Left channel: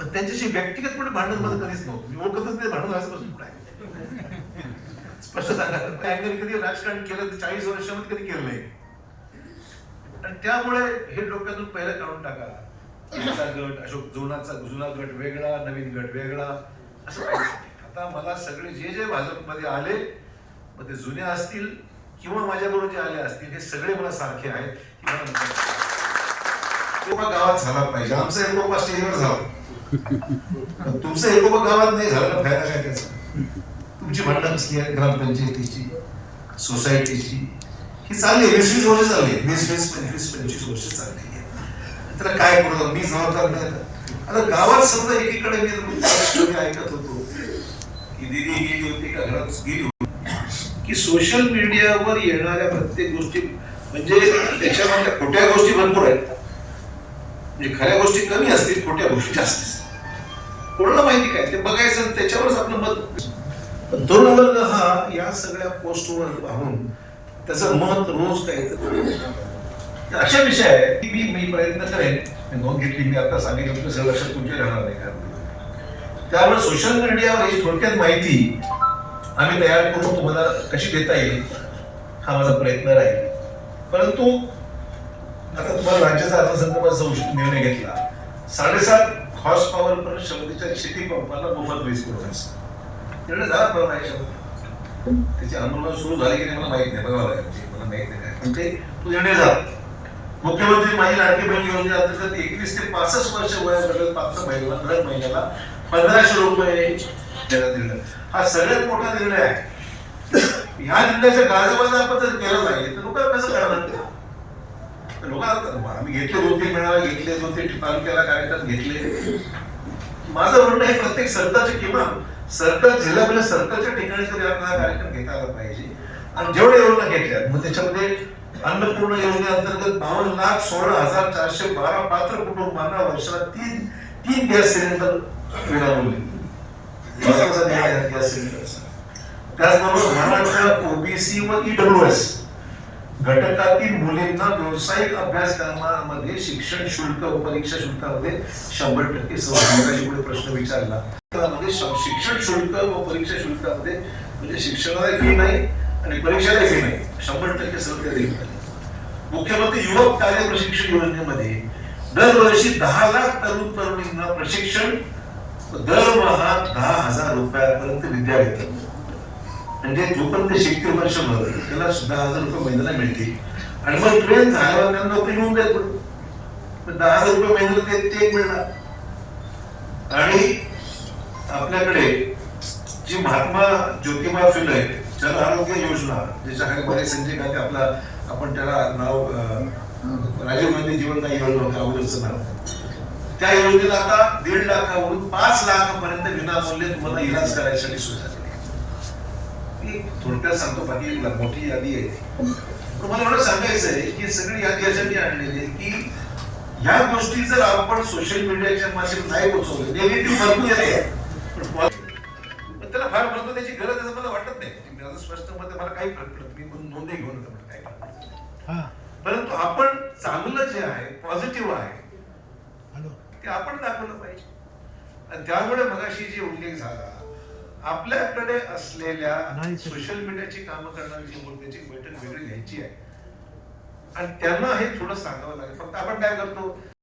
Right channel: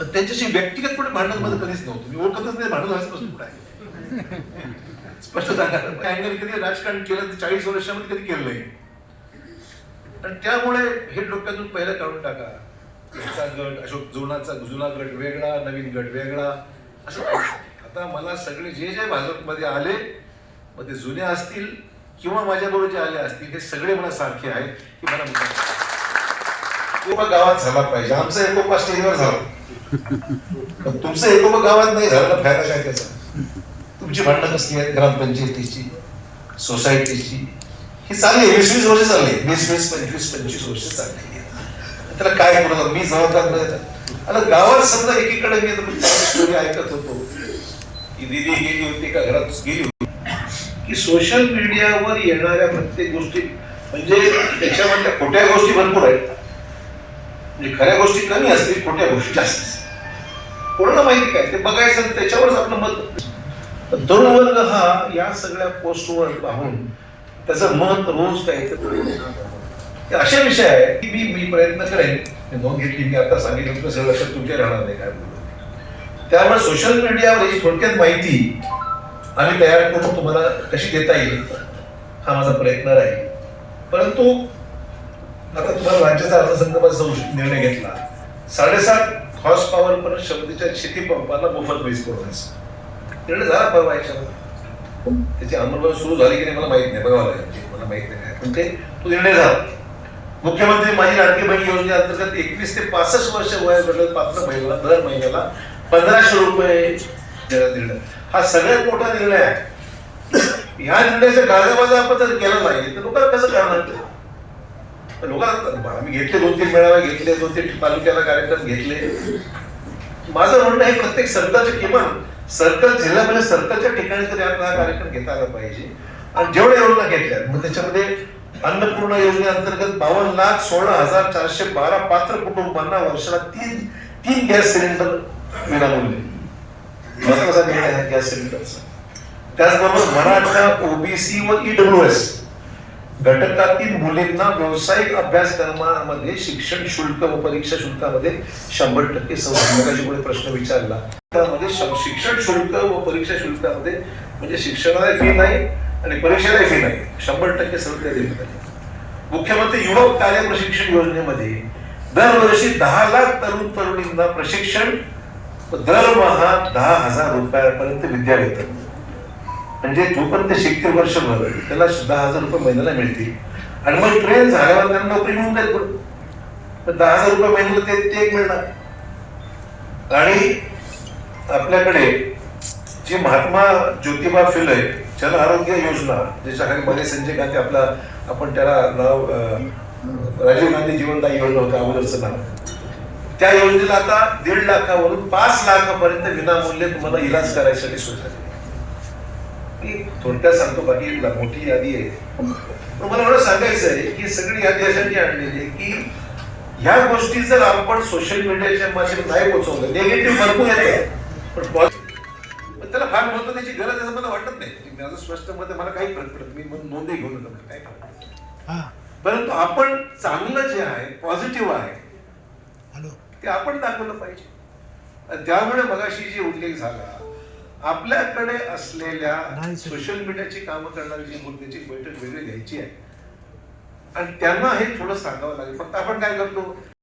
पण त्यांच्याशी व्यक्तिगत भांडण माझं कधीच नव्हतं. मी ओळखतच नाही भांडण व्हायचं पुढे काय स्पष्ट सांगा कधी राजकारण केलं चाळीस वर्षामध्ये कधी केलं नाही. पण त्यामुळे हे डोक्यातून पहिलं काढून टाका. तुमचा गट अशोक जुनाचा जुना गट वेगळा नवीन गट वेगळा. असं आता मला सगळे जे जे भाजपमध्ये आले मग ते जुन्या असतील किंवा माझ्याबरोबर जे आले असतील हे सगळे मला सारखे आहेत की मला एकोपा गावात झाला पाहिजे आमचा एकोपा स्टेजवर झाला पण तुमचं एकोपा गावात नाही झालं ना फायदा काय त्याचा? तुमची भांडणं कसली आहेत ग्रामपंचायतीची सोसायटीची? ही चालली वीस वीस वर्ष चालली वीस वीस पंचवीस पंचवीस वर्ष चालली त्याला काय करू मी जबाबदार नाही आता. गावात समजा एकीकडे मी स्टोरी ऐकत होतो की दिदी गेली होती का घरात? गेली होती. की सोशल मीडियावर येणाऱ्या प्रत्येक गोष्टी म्हणजे त्याच्यामधल्या खोट्या गोष्टी भरपूर आहेत. म्हणजे खऱ्या गोष्टी कमी असतील खोट्या गोष्टी जास्त असतील. कोणाला माहिती काय? ते बघायचं आणि त्याच्यावरच आपलं मत तरुण वर्ग हा या सगळ्या पोस्टवर पाहून त्याचं मत रोज काय तर अशा विषय आहे की मी मी प्रयत्न करेन मी नोंद घेतली मी आता सांगितलं तुमचं सगळं लक्षात तुमच्या राहणार नाही काय त्यामुळे सोशल मीडियावर ही थोडक्यात माहिती आम्ही तयार करून तुम्हाला कशी देता येईल हा माझा प्रयत्न राहील. परंतु आता तुम्हाला राज्याचा अर्थसंकल्पाचा निर्णय घेतला. साडेसात हॉर्स पॉवर पर्यंत क्षमतेच्या शेती पंपाला मोफत वीज पुरवण्याचा निर्णय झाला परवा याच्यावर. त्याची सुरू झाली की नाही मला माहीत नाही. बघावं लागेल. मला माहीत नाही. पण ते तो निर्णय झाला. मुख्यमंत्री माझी लाडकी बहीण योजनेअंतर्गत एकवीस ते पासष्ट वर्ष वयोगटातील पात्र महिला दर महिन्याला पंधराशे रुपये देण्यात निर्णय. हा सगळ्यात मोठा निर्णय आहे. ह्या निर्णयाच्या गाळेबाजा आपण जर केला पाहिजे तर लोकांना कसं करणार लोक आम्ही घेतले दोन तीन मेळावे घेतले दोन तीन तालुक्याला कार्यक्रम घेतले. माझं म्हणणं आहे प्रत्येक सरकारचे किमान सरकार जिल्ह्यामध्ये म्हणजे सरकारच्या ठिकाणी तरी आपण हा कार्यक्रम घेता आला पाहिजे. आणि जेवढ्या योजना घेतल्या मग त्याच्यामध्ये अन्नपूर्ण योजनेअंतर्गत बावन्न लाख सोळा हजार चारशे बारा पात्र कुटुंबांना वर्षाला तीन तीन गॅस सिलेंडर विनामूल्य कसा गॅस सिलेंडरचा. त्याचबरोबर महाराष्ट्र ओबीसी व ईडब्ल्यू एस घटकातील मुलींना व्यावसायिक अभ्यासक्रमामध्ये शिक्षण शुल्क व परीक्षा शुल्कामध्ये शंभर टक्के सवलत. पुढे प्रश्न विचारला त्यामध्ये शिक्षण शुल्क व परीक्षा शुल्कामध्ये म्हणजे शिक्षणाला फी नाही आणि परीक्षाला फी नाही. शंभर टक्के सवलत देण्यात आली मुख्यमंत्री युवक कार्य प्रशिक्षण योजनेमध्ये दरवर्षी दहा लाख तरुण तरुणींना प्रशिक्षण दरमहा दहा हजार रुपयापर्यंत विद्यावेतन म्हणजे जोपर्यंत शिकते वर्षभर त्याला दहा हजार रुपये महिन्याला मिळते आणि मग ट्रेन झाल्यावर त्यांना नोकरी मिळून जाईल तर दहा हजार रुपये महिन्याला ते ते एक मिळणार. आणि आपल्याकडे जी महात्मा ज्योतिबा फुले जन आरोग्य योजना ज्याच्या बरे संजय गांधी आपला आपण त्याला नाव राजीव गांधी जीवनदायी योजना होता अगोदरचं नाव. त्या योजनेला आता दीड लाखावरून पाच लाखापर्यंत विनामूल्य तुम्हाला इलाज करायसाठी सुरू झालेली थोडक्यात सांगतो बाकी मोठी यादी आहे. तुम्हाला एवढं सांगायचं आहे की सगळी यादी यासाठी आणलेली आहे की ह्या गोष्टी जर आपण सोशल मीडियाच्या माध्यमातून नाही पोहोचवलं नेगेटिव्ह भरपूर येते पण त्याला फार महत्त्व त्याची गरज आहे असं मला वाटत नाही. माझं स्पष्ट मत मला काही फरक पडत मी म्हणून नोंदही घेऊन मला काही फरक. हा. परंतु आपण चांगलं जे आहे पॉझिटिव्ह आहे हॅलो. ते आपण दाखवलं पाहिजे. त्यामुळे मगाशी जे उल्लेख झाला आपल्याकडे असलेल्या. सोशल मीडियाची कामं करणारी जी मुद्द्याची बैठक वेगळी घ्यायची आहे. आणि त्यांना हे थोडं सांगावं लागेल. फक्त आपण काय करतो?